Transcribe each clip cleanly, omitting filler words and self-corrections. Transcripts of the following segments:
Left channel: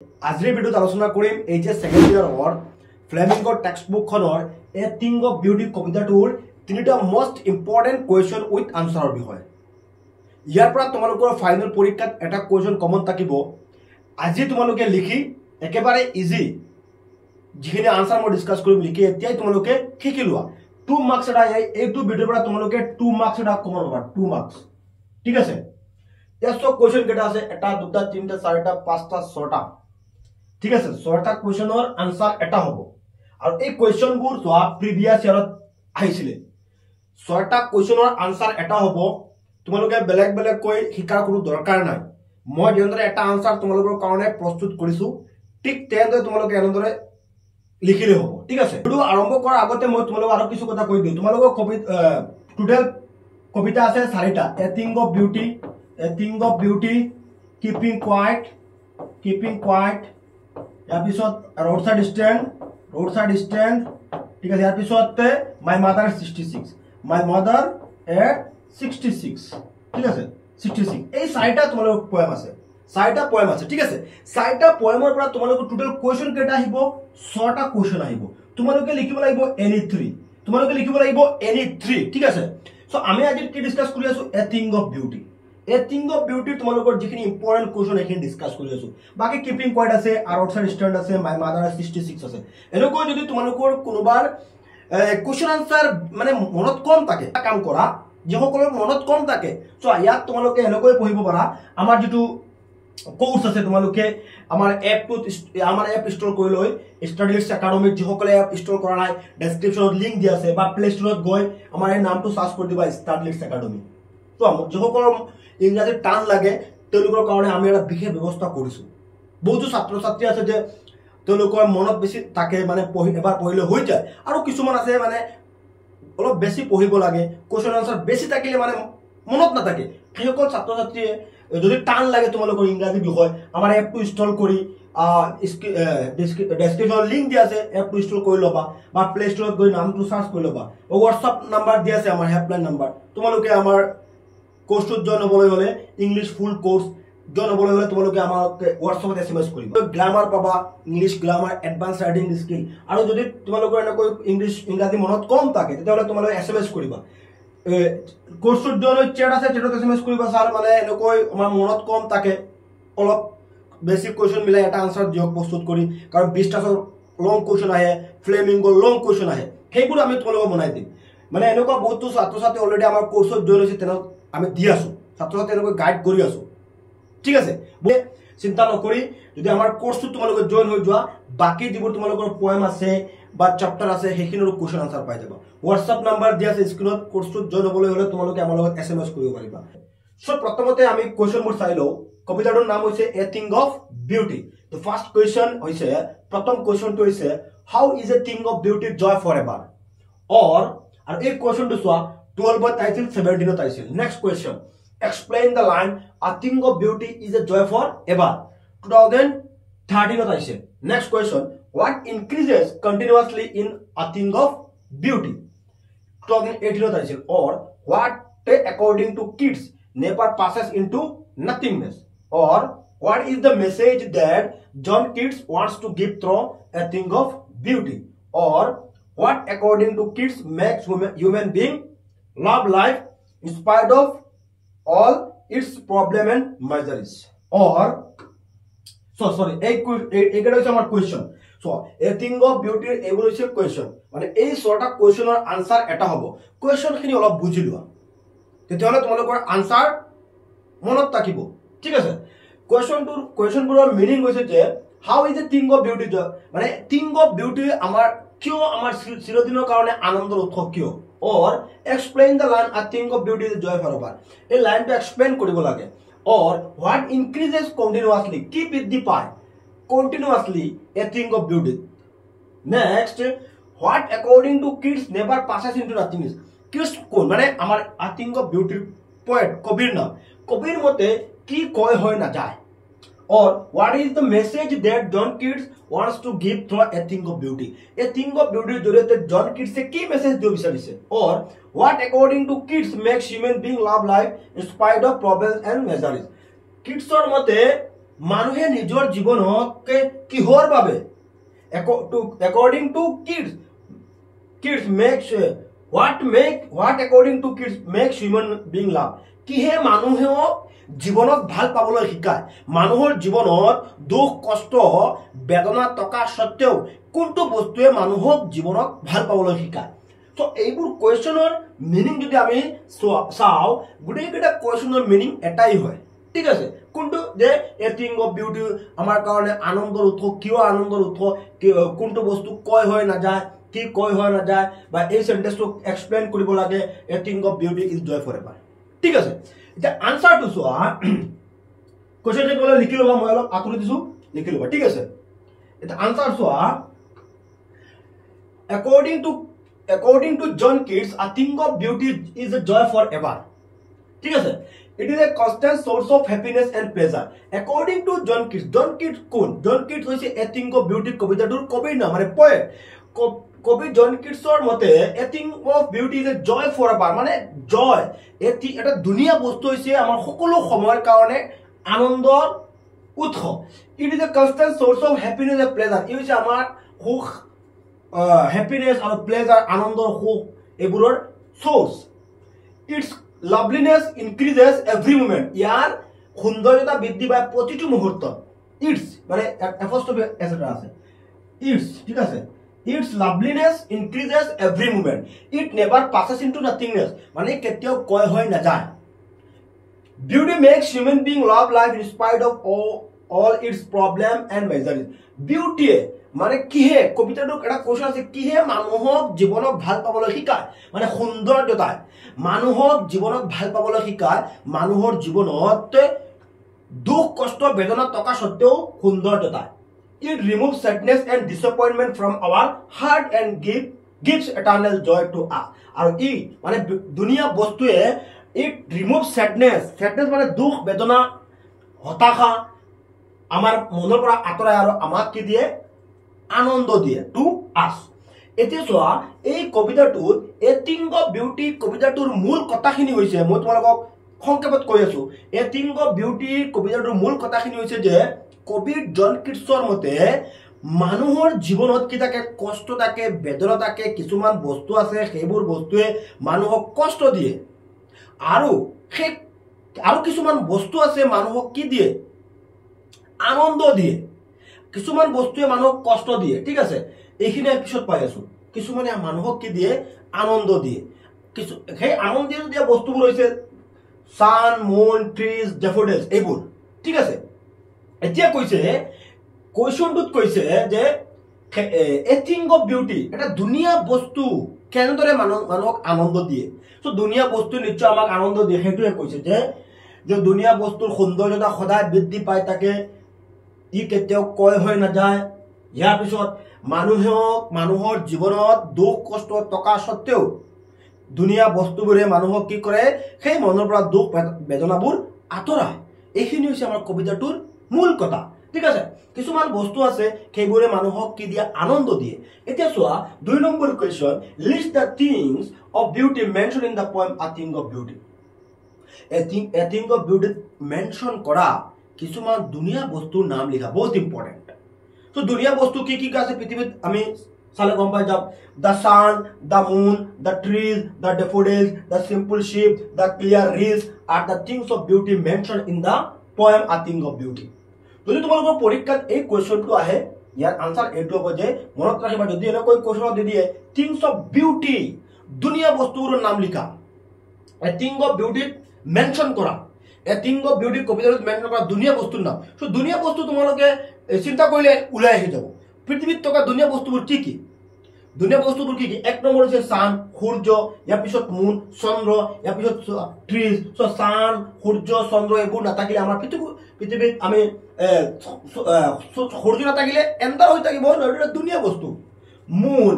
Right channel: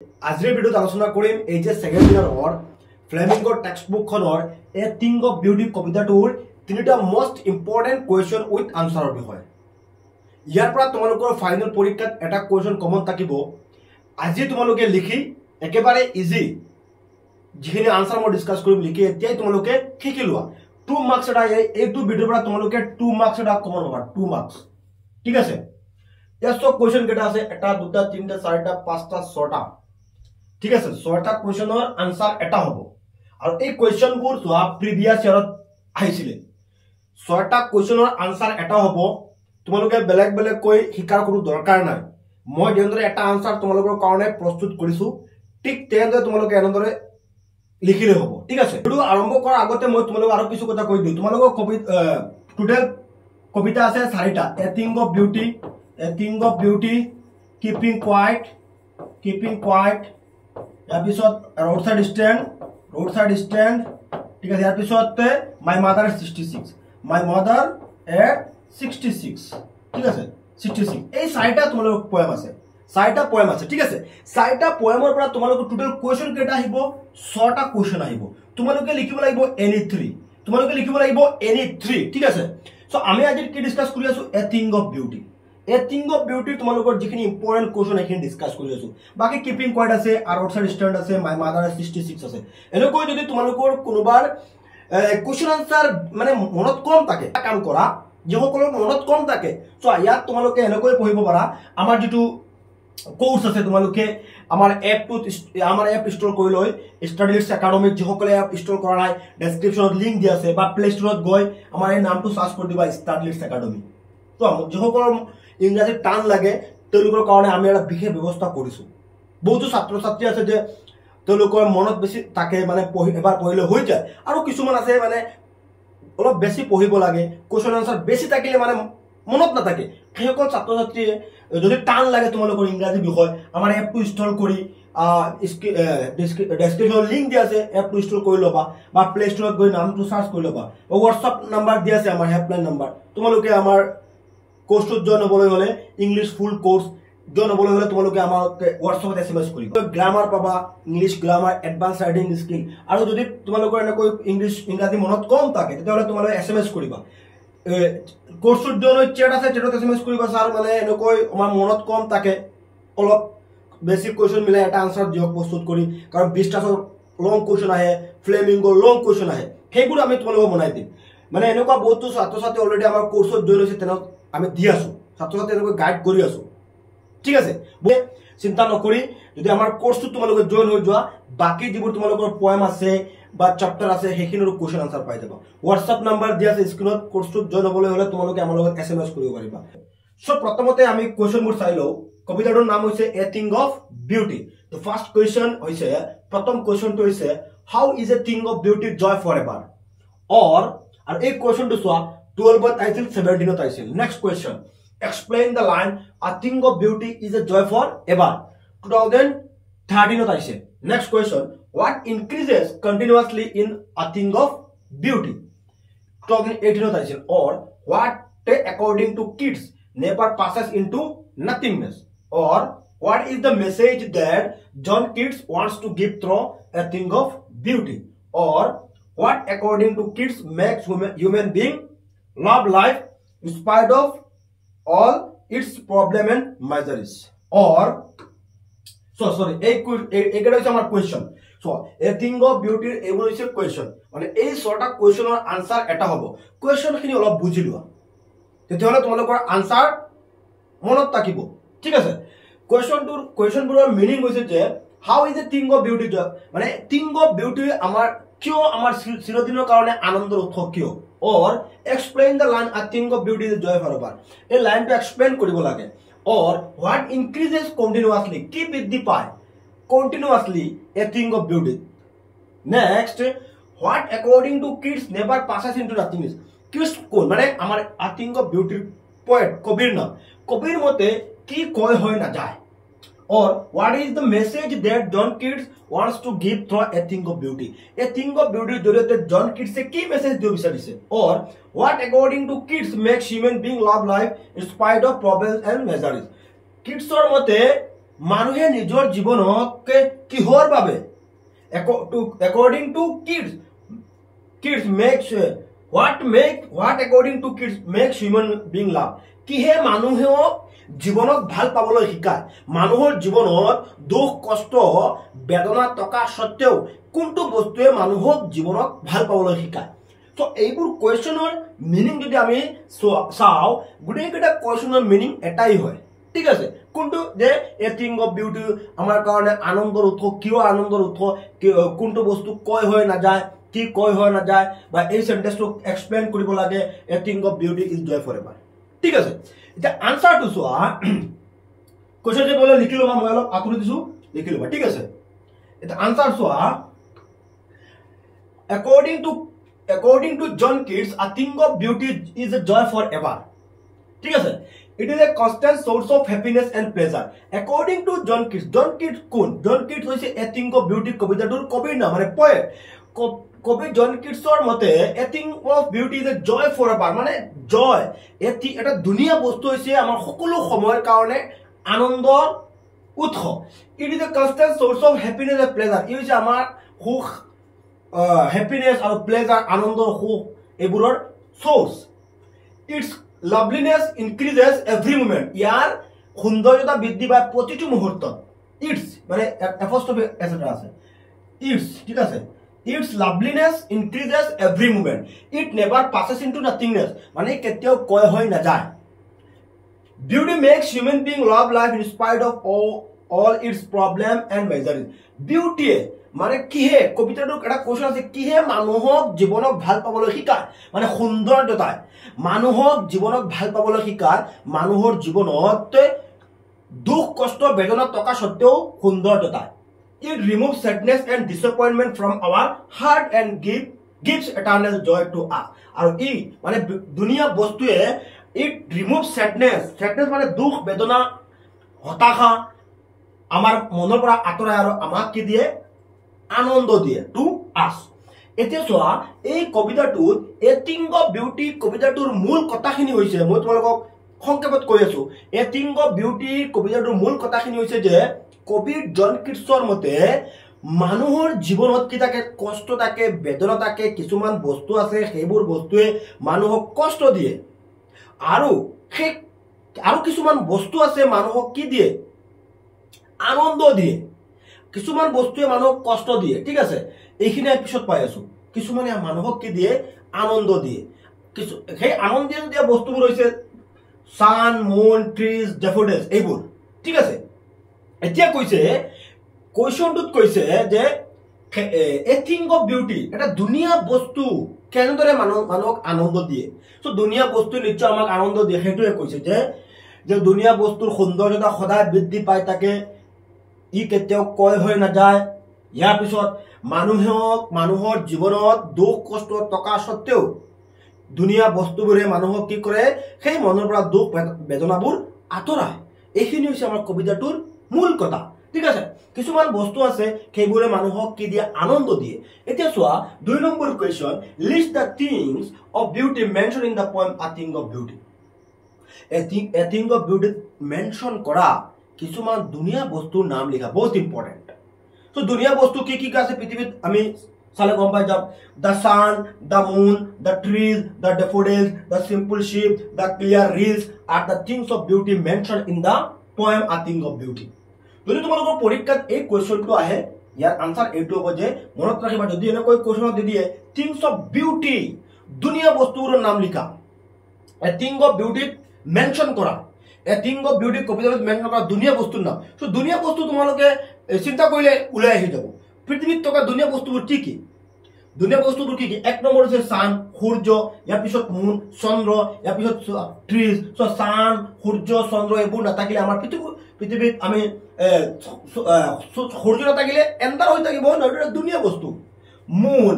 আজিৰ ভিডিঅ'ত আলোচনা কৰিম এইচএছ সেকেন্ড ইয়াৰৰ ফ্লেমিংগৰ টেক্সটবুকখনৰ এ থিং অফ বিউটি কবিতাটোৰ তিনিটা মোস্ট ইম্পৰ্টেন্ট কুৱেশ্যন উইথ আনসাৰৰ বিষয়। ইয়াৰ পৰা তোমালোকৰ ফাইনেল পৰীক্ষাত এটা কুৱেশ্যন কমন থাকিব। আজি তোমালোকে লিখি একেবাৰে ইজি যিখিনি আনসাৰ মই ডিসকাস কৰিম লিখি এতিয়াই তোমালোকে শিকি লোৱা। 2 মাৰ্কছ এটা এইটো ভিডিঅ'ৰ পৰা তোমালোকে 2 মাৰ্কছ এটা কমন পাবা। 2 মাৰ্কছ ঠিক আছে। ইয়াৰ কুৱেশ্যন কেইটা আছে এটা দুটা তিনিটা চাৰিটা পাঁচটা ছটা ঠিক আছে। ছয়টা কুৱেশ্যনৰ আনসাৰ এটা হ'ব আৰু এই কুৱেশ্যনবোৰ যোৱা প্ৰিভিয়াছ ইয়াৰত আহিছিলে। ছয়টা কুৱেশ্যনৰ আনসাৰ এটা হ'ব। তোমালোকে বেলেগ বেলেগ কৈ শিকাৰ কোনো দৰকাৰ নাই। মই যেনেদৰে এটা আনসাৰ তোমালোকৰ কাৰণে প্ৰস্তুত কৰিছো ঠিক তেনেদৰে তোমালোকে এনেদৰে লিখিলে হ'ব ঠিক আছে। ভিডিও আৰম্ভ কৰাৰ আগতে মই তোমালোকক আৰু কিছু কথা কৈ দিওঁ। তোমালোকৰ টোটেল কবিতা আছে 4টা। A thing of beauty, keeping quiet ইয়াৰ পিছত ৰোড সাইড ষ্টেণ্ড ঠিক আছে। ইয়াৰ পিছত মাই মাদাৰ 66 ঠিক আছে। 66 এই 4টা তোমালোকৰ পোয়েম আছে। 4টা পোয়েম আছে ঠিক আছে। 4টা পোয়েমৰ পৰা তোমালোকৰ টোটেল কুৱেশ্যন কেইটা আহিব 6টা কুৱেশ্যন আহিব। তোমালোকে লিখিব লাগিব এনি 3 ঠিক আছে। সো আমি আজি কি ডিসকাস কৰি আছো এ thing of beauty. A thing of beauty তোমালোকৰ যিখিনি ইম্পৰ্টেন্ট কুৱেশ্যন এখিনি ডিসকাস কৰি আছো। বাকি কিপিং কোৱাইট আছে আৰু আউটসাইড ষ্টেণ্ড আছে মাই মাদাৰ 66 আছে। এনেকৈ যদি তোমালোকৰ কোনোবাৰ কুৱেশ্যন আনসাৰ মানে মনত কম থাকে কাম কৰা যিসকলৰ মনত কম থাকে সো ইয়াত তোমালোকে এনেকৈ পঢ়িব পাৰা। আমাৰ যেটো কোৰ্স আছে তোমালোকে আমাৰ এপ ইনষ্টল কৰি লৈ ষ্টাডিজ একাডেমি যিসকলে এপ ইনষ্টল কৰা নাই ডেসক্ৰিপচনত লিংক দিয়া আছে বা প্লে ষ্টৰত গৈ আমাৰ এই নামটো সাৰ্চ কৰি দিবা ষ্টাডিজ একাডেমি। তো যিসকলৰ ইংৰাজী টান লাগে তেওঁলোকৰ কাৰণে আমি এটা বিশেষ ব্যৱস্থা কৰিছো। বহুতো ছাত্ৰ ছাত্ৰী আছে যে তেওঁলোকৰ মনত বেছি থাকে মানে এবাৰ পঢ়িলে হৈ যায় আৰু কিছুমান আছে মানে অলপ বেছি পঢ়িব লাগে কুৱেশ্যন আনসাৰ বেছি থাকিলে মানে মনত নাথাকে। সেইসকল ছাত্ৰ ছাত্ৰীয়ে যদি টান লাগে তোমালোকৰ ইংৰাজী বিষয় আমাৰ এপটো ইনষ্টল কৰি ডেসক্ৰিপচনত লিংক দিয়া আছে এপটো ইনষ্টল কৰি ল'বা বা প্লে ষ্টৰত গৈ নামটো সাৰ্চ কৰি ল'বা। হোৱাটছআপ নাম্বাৰ দিয়া আছে আমাৰ হেল্পলাইন নাম্বাৰ। তোমালোকে আমাৰ কোৰ্সটোত জয়েন হ'বলৈ হ'লে ইংলিশ ফুল কোৰ্স জয়েন হ'বলৈ হ'লে তোমালোকে আমাক হোৱাটছআপত SMS কৰিবা। গ্ৰামাৰ পাবা English grammar advance writing skill আৰু যদি তোমালোকৰ এনেকৈ ইংৰাজী মনত কম থাকে তেতিয়াহ'লে তোমালোকে SMS কৰিবা। কোৰ্সটোত জয়েন চেট আছে চেটত SMS কৰিবা স্যাৰ মানে এনেকৈ আমাৰ মনত কম থাকে অলপ বেসিক কুৱেশ্যন মিলাই এটা আনসাৰ দিয়ক প্ৰস্তুত কৰি কাৰণ 20টা লং কুৱেশ্যন আহে ফ্লেমিংগৰ লং কুৱেশ্যন আহে সেইবোৰ আমি তোমালোকক বনাই দিম। মানে এনেকুৱা বহুত ছাত্ৰ ছাত্ৰী অলৰেডি আমাৰ কোৰ্সত জয়েন হৈছে তেনে আমি দি আছো ছাত্ৰ ছাত্ৰী এনেকৈ গাইড কৰি আছো ঠিক আছে। চিন্তা নকৰি যদি আমাৰ কোৰ্সটো তোমালোকে জয়েন হৈ যোৱা বাকি যিবোৰ তোমালোকৰ পোয়েম আছে বা চ্যাপ্টাৰ আছে সেইখিনিৰ কুৱেশ্যন আনসাৰ পাই যাবা। হোৱাটছআপ নাম্বাৰ দিয়া আছে স্ক্ৰিনত। কোৰ্সটোত জয়েন হ'বলৈ হ'লে তোমালোকে আমাৰ লগত SMS কৰিব পাৰিবা। সো প্ৰথমতে আমি কুৱেশ্যনবোৰ চাই লওঁ। কবিতাটোৰ নাম হৈছে a thing of beauty. The first question হৈছে প্ৰথম কুৱেশ্যনটো হৈছে how is a thing of beauty joy forever or আৰু এই কুৱেশ্যনটো চোৱা 12ত আহিছিল 17ত আহিছিল। Next question explain the line a thing of beauty is a joy for ever 2013ত আহিছে। next question what increases continuously in a thing of beauty 2018ত আহিছিল। or what according to kids never passes into nothingness or what is the message that John Keats wants to give through a thing of beauty or what according to Keats makes human being love life in spite of all its problem and miseries or এইটা হচ্ছে আমার question. So a thing of বিউটিৰ এইবোৰ হৈছে question মানে এই 6টা কোয়েশ্চনৰ answer এটা হ'ব। কোয়েশ্চনখিনি অলপ বুজি লোৱা তেতিয়াহ'লে তোমালোকৰ আনসাৰ মনত থাকিব ঠিক আছে। কোয়েশ্চনবোৰৰ মিনিং হৈছে যে how is a thing of beauty মানে থিং অফ বিউটি আমাৰ কিয় আমাৰ চিৰদিনৰ কাৰণে আনন্দৰ উৎস কিয় or explain the line a thing of beauty is a joy forever এই লাইনটো এক্সপ্লেইন কৰিব লাগে। or what increases continuously কি বৃদ্ধি পায় continuously a thing of beauty। next what according to Keats never passes into nothingness Keats কোন মানে আমাৰ a thing of beauty poet কবিৰ নাম কবিৰ মতে কি কয় হয় না যায় or what is the message that John Keats wants to give through a thing of beauty a thing of beauty জৰিয়তে জন কিটছে কি মেসেজ দিব বিচাৰিছে or what according to Keats makes human being love life in spite of problems and miseries কিটছৰ মতে মানুহে নিজৰ জীৱনক কিহৰ বাবে according to kids makes what according to kids makes human being love কিহে মানুহক জীৱনক ভাল পাবলৈ শিকায় মানুহৰ জীৱনত দুখ কষ্ট বেদনা টকা সত্ত্বেও কোনটো বস্তুৱে মানুহক জীৱনক ভাল পাবলৈ শিকায় তো এইবোৰ কোৱেশ্চনৰ মিনিং যদি আমি চাও গুটেইকেইটা কোৱেশ্চনৰ মিনিং এটাই হয় ঠিক আছে কোনটো যে এ থিং অফ বিউটি আমাৰ কাৰণে আনন্দৰ উৎস কিয় আনন্দৰ উৎস কোনটো বস্তু কয় হৈ না যায় কি কয় হৈ না যায় বা এই সেন্টেন্সটো এক্সপ্লেইন কৰিব লাগে a thing of beauty is joy forever ঠিক আছে এটা আনসাৰটো চোৱা কোৱেশ্চনটো বলে লিখি লবা মই অলপ আঁতৰি দিছো লিখি লবা ঠিক আছে এটা আনসাৰ চোৱা according to John Keats a thing of beauty is a joy forever ঠিক আছে it is a constant source of happiness and pleasure according to John Keats কোন John Keats হৈছে a thing of beauty কবিতাটোৰ কবিৰ নাম মানে poet কবি জন কিটছৰ মতে a thing of beauty is a joy forever মানে joy এটা দুনিয়া বস্তু হৈছে আমাৰ সকলো সময়ৰ কাৰণে আনন্দৰ উৎস it is a constant source of happiness and pleasure ই হৈছে আমাৰ সুখ happiness আৰু pleasure আনন্দৰ সুখ এবোৰৰ source its loveliness increases every moment ইয়াৰ সৌন্দৰ্যতা বৃদ্ধি পায় প্ৰতিটো মুহূৰ্তত its মানে apostrophe s এটা আছে its ঠিক আছে its loveliness increases every moment it never passes into nothingness মানে কেতিয়াও কয় হৈ না যায় beauty makes human being love life in spite of all its problem and misery beauty মানে কিহে কবিতাটোৰ এটা কোৱেশ্চন আছে কিহে মানুহক জীৱনক ভাল পাবলৈ শিকায় মানে সৌন্দৰ্যতাই মানুহক জীৱনক ভাল পাবলৈ শিকায় মানুহৰ জীৱনত দুখ কষ্ট বেদনা টকা সত্ত্বেও সৌন্দৰ্যতাই it removes sadness and disappointment from our heart and gives eternal joy to us আৰু ই মানে দুনিয়া বস্তুৱে it removes sadness মানে দুখ বেদনা হতাশা আমাৰ মনৰ পৰা আঁতৰাই আৰু আমাক কি দিয়ে আনন্দ দিয়ে টু আস এতিয়া চোৱা এই কবিতাটোত এ থিং অফ বিউটি কবিতাটোৰ মূল কথাখিনি হৈছে মই তোমালোকক সংক্ষেপত কৈ আছো এ থিং অফ বিউটি কবিতাটোৰ মূল কথাখিনি হৈছে যে কবি জন কিটছৰ মতে মানুহৰ জীৱনত কি থাকে কষ্ট থাকে বেদনা থাকে কিছুমান বস্তু আছে সেইবোৰ বস্তুৱে মানুহক কষ্ট দিয়ে আৰু কিছুমান বস্তু আছে মানুহক কি দিয়ে আনন্দ দিয়ে কিছুমান বস্তুৱে মানুহক কষ্ট দিয়ে ঠিক আছে এইখিনি এপিসোড পাই আছো কিছুমানে মানুহক কি দিয়ে আনন্দ দিয়ে কিছু সেই আনন্দ দিয়া বস্তুবোৰ হৈছে সান মুন ট্ৰিজ ডেফোডিলছ এইবোৰ ঠিক আছে এতিয়া কৈছে কোৱেশ্চনটোত কৈছে যে এ থিং অফ বিউটি এটা দুনিয়া বস্তু কেনেদৰে মানুহক আনন্দ দিয়ে সো দুনিয়া বস্তু নিশ্চয় আমাক আনন্দ দিয়ে সেইটোৱে কৈছে যে দুনিয়া বস্তুৰ সৌন্দৰ্যতা সদায় বৃদ্ধি পাই থাকে ই কেতিয়াও কয় হৈ না যায় ইয়াৰ পিছত মানুহৰ জীৱনত দুখ কষ্ট টকা সত্ত্বেও দুনিয়া বস্তুবোৰে মানুহক কি কৰে সেই মনৰ পৰা দুখ বেদনাবোৰ আঁতৰায় এইখিনি হৈছে আমাৰ কবিতাটোৰ মূল কথা ঠিক আছে কিছুমান বস্তু আছে সেইবোৰে মানুহক কি দিয়ে আনন্দ দিয়ে এতিয়া চোৱা 2 number question list the things of beauty mention in the poem a thing of beauty a thing of beauty mention কৰা কিছুমান দুনিয়া বস্তুৰ নাম লিখা বহুত ইম্পৰ্টেন্ট তো দুনিয়া বস্তু কি কি আছে পৃথিৱীত আমি চালে গম পাই যাম the sun the moon the trees the daffodils the simple sheep the clear rills আর the things of beauty mention in the poem a thing of beauty যদি তোমালোকৰ পৰীক্ষাত এই কোৱেশ্চনটো আহে ইয়াৰ আনসাৰ এইটো হ'ব যে মনত ৰাখিবা যদি এনেকৈ কোৱেশ্চন দি দিয়ে থিংস অফ বিউটি দুনিয়া বস্তুৰ নাম লিখা এ থিং অফ বিউটি মেনশন কৰা এ থিং অফ বিউটি কবিতাত মেনশন কৰা দুনিয়া বস্তুৰ নাম সো দুনিয়া বস্তু তোমালোকে চিন্তা কৰিলে উলাই আহি যাব পৃথিৱীত থকা দুনিয়া বস্তুবোৰ কি কি দুনিয়া বস্তুবোৰ কি কি এক নম্বৰ হৈছে সান সূৰ্য ইয়াৰ পিছত মুন চন্দ্ৰ ইয়াৰ পিছত ট্ৰিজ সো সান সূৰ্য চন্দ্ৰ এইবোৰ নাথাকিলে আমাৰ পৃথিৱীত আমি সূৰ্য নাথাকিলে এন্ধাৰ হৈ থাকিব নহয় দুনিয়া বস্তু মুন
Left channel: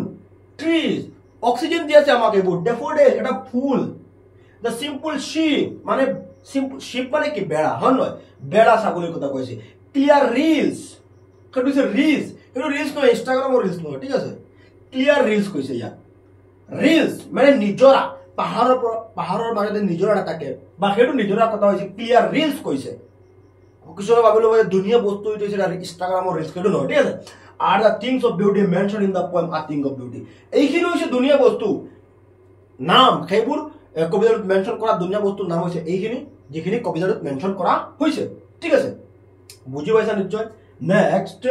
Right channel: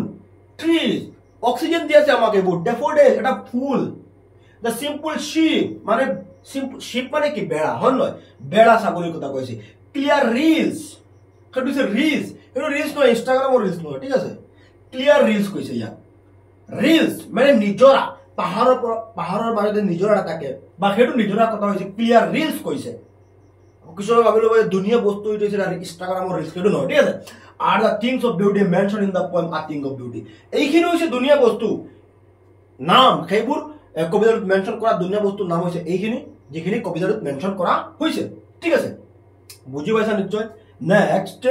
ট্ৰিজ অক্সিজেন দি আছে আমাক এইবোৰ ডেফোডিল এটা ফুল দ্য সিম্পল শিপ মানে শিপ মানে কি বেড়া হয় নহয় বেড়া ছাগলীৰ কথা কৈছে ক্লিয়াৰ ৰিলছ সেইটো হৈছে ৰিলছ এইটো ৰিলছ নহয় ইনষ্টাগ্ৰামৰ ৰিলছ নহয় ঠিক আছে ক্লিয়াৰ ৰিলছ কৈছে ইয়াত ৰিলছ মানে নিজৰা পাহাৰৰ মাজতে নিজৰা থাকে বা সেইটো নিজৰাৰ কথা হৈছে ক্লিয়াৰ ৰিলছ কৈছে কিছুমানে ভাবি ল'ব যে ধুনীয়া বস্তু এইটো হৈছে ইনষ্টাগ্ৰামৰ ৰিলছ কিন্তু নহয়, ঠিক আছে। Are the things of beauty mention in the poem a thing of beauty, এইখিনি হৈছে ধুনীয়া বস্তু নাম, সেইবোৰ কবিতাটোত মেনশন কৰা ধুনীয়া বস্তুৰ নাম হৈছে এইখিনি যিখিনি কবিতাটোত মেনশন কৰা হৈছে, ঠিক আছে, বুজি পাইছা নিশ্চয়। Next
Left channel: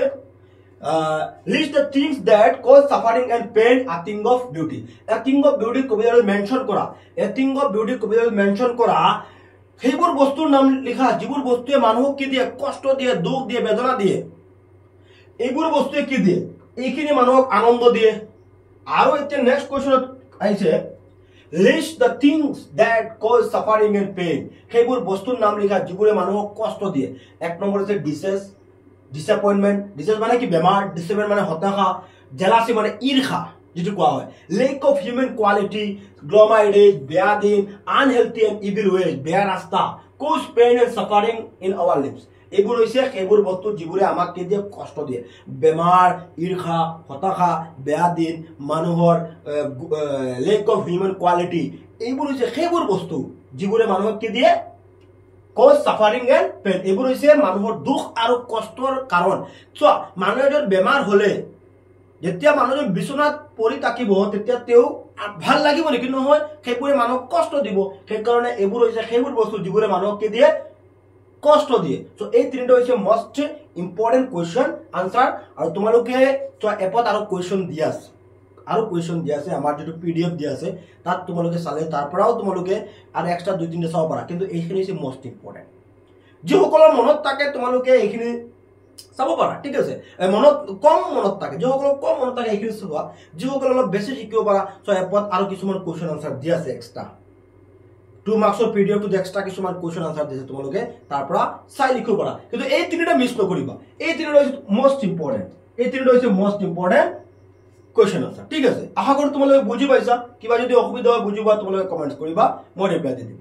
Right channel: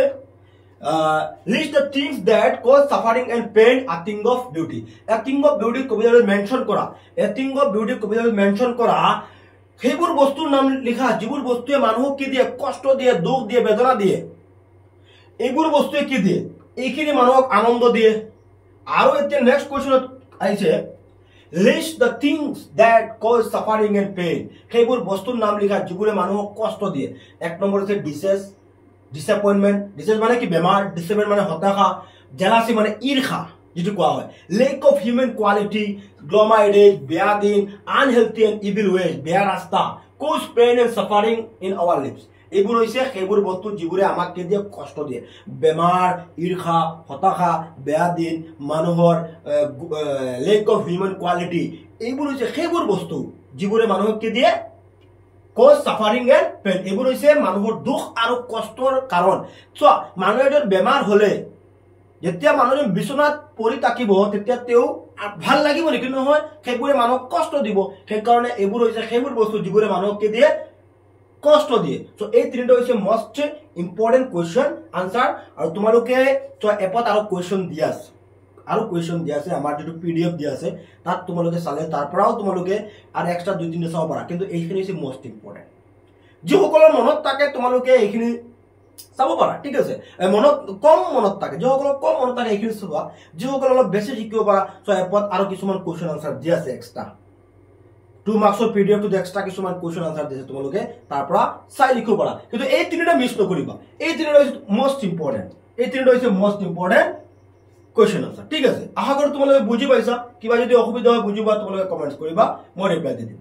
list the things that cause suffering and pain a thing of beauty. A thing of beauty কবিতাটোত মেনশন কৰা, এ থিং অফ বিউটি কবিতাটোত মেনশন কৰা সেইবোৰ বস্তুৰ নাম লিখা যিবোৰ বস্তুৱে মানুহক কি দিয়ে, কষ্ট দিয়ে, দুখ দিয়ে, বেদনা দিয়ে, এইবোৰ বস্তুৱে কি দিয়ে, এইখিনি মানুহক আনন্দ দিয়ে। আৰু এতিয়া নেক্সট কুৱেশ্যনত আহিছে list the things that cause suffering and pain, সেইবোৰ বস্তুৰ নাম লিখা যিবোৰে মানুহক কষ্ট দিয়ে। এক নম্বৰ হৈছে ডিসেস, ডিসএপয়েন্টমেন্ট, ডিসেস মানে কি বেমাৰ, ডিসএপয়েন্ট মানে হতাশা, জেলাসি মানে ঈৰ্ষা যেটো কোৱা হয়, lack of human quality, gloomy days, বেয়া দিন, আনহেলথি এণ্ড ইভিল ৱেজ, বেয়া ৰাস্তা, cause pain and suffering in our lives, এইবোৰ হৈছে সেইবোৰ বস্তু যিবোৰে আমাক কি দিয়ে, কষ্ট দিয়ে। বেমাৰ, ঈৰ্ষা, হতাশা, বেয়া দিন, মানুহৰ লেক অফ হিউম্যান কোৱালিটি, এইবোৰ হৈছে সেইবোৰ বস্তু যিবোৰে মানুহক কি দিয়ে, কজ সাফাৰিং এণ্ড পেইন, এইবোৰ হৈছে মানুহৰ দুখ আৰু কষ্টৰ কাৰণ। চোৱা মানুহ এজন বেমাৰ হলে যেতিয়া মানুহজন বিচনাত পৰি থাকিব তেতিয়া তেওঁ ভাল লাগিব নেকি, নহয়, সেইবোৰে মানুহক কষ্ট দিব। সেইকাৰণে এইবোৰ হৈছে সেইবোৰ বস্তু যিবোৰে মানুহক কি দিয়ে, কষ্ট দিয়ে। সো এই তিনিটা হৈছে মোস্ট ইম্পৰ্টেণ্ট কুৱেশ্যন আনসাৰ। আৰু তোমালোকে এপত আৰু কুৱেশ্যন দিয়া আছে, আৰু কুৱেশ্যন দিয়া আছে, আমাৰ যেটো PDF দিয়া আছে তাত তোমালোকে চালে তাৰ পৰাও তোমালোকে আৰু এক্সট্ৰা 2-3টা চাব পাৰা, কিন্তু এইখিনি হৈছে মোস্ট ইম্পৰ্টেণ্ট। যিসকলৰ মনত থাকে তোমালোকে এইখিনি চাব পাৰা, ঠিক আছে। মনত কম মনত থাকে, যিসকলৰ কম মনত থাকে এইখিনি চোৱা, যিসকলৰ অলপ বেছি শিকিব পাৰা এপত আৰু কিছুমান কুৱেশ্যন আনসাৰ দিয়া আছে এক্সট্ৰা 2 মাৰ্কছৰ PDF টো এক্সট্ৰা কিছুমান কুৱেশ্যন আনসাৰ দিছে, তোমালোকে তাৰ পৰা চাই লিখিব পাৰা। কিন্তু এই তিনিটা মিছ নকৰিবা, এই তিনিটা হৈছে মোস্ট ইম্পৰ্টেণ্ট, এই তিনিটা হৈছে মোস্ট ইম্পৰ্টেণ্ট কুৱেশ্যন আনসাৰ, ঠিক আছে। আশা কৰোঁ তোমালোকে বুজি পাইছা। কিবা যদি অসুবিধা হয় বুজিবা তোমালোকে কমেণ্টছ কৰিবা, মই ৰিপ্লাই দি দিম।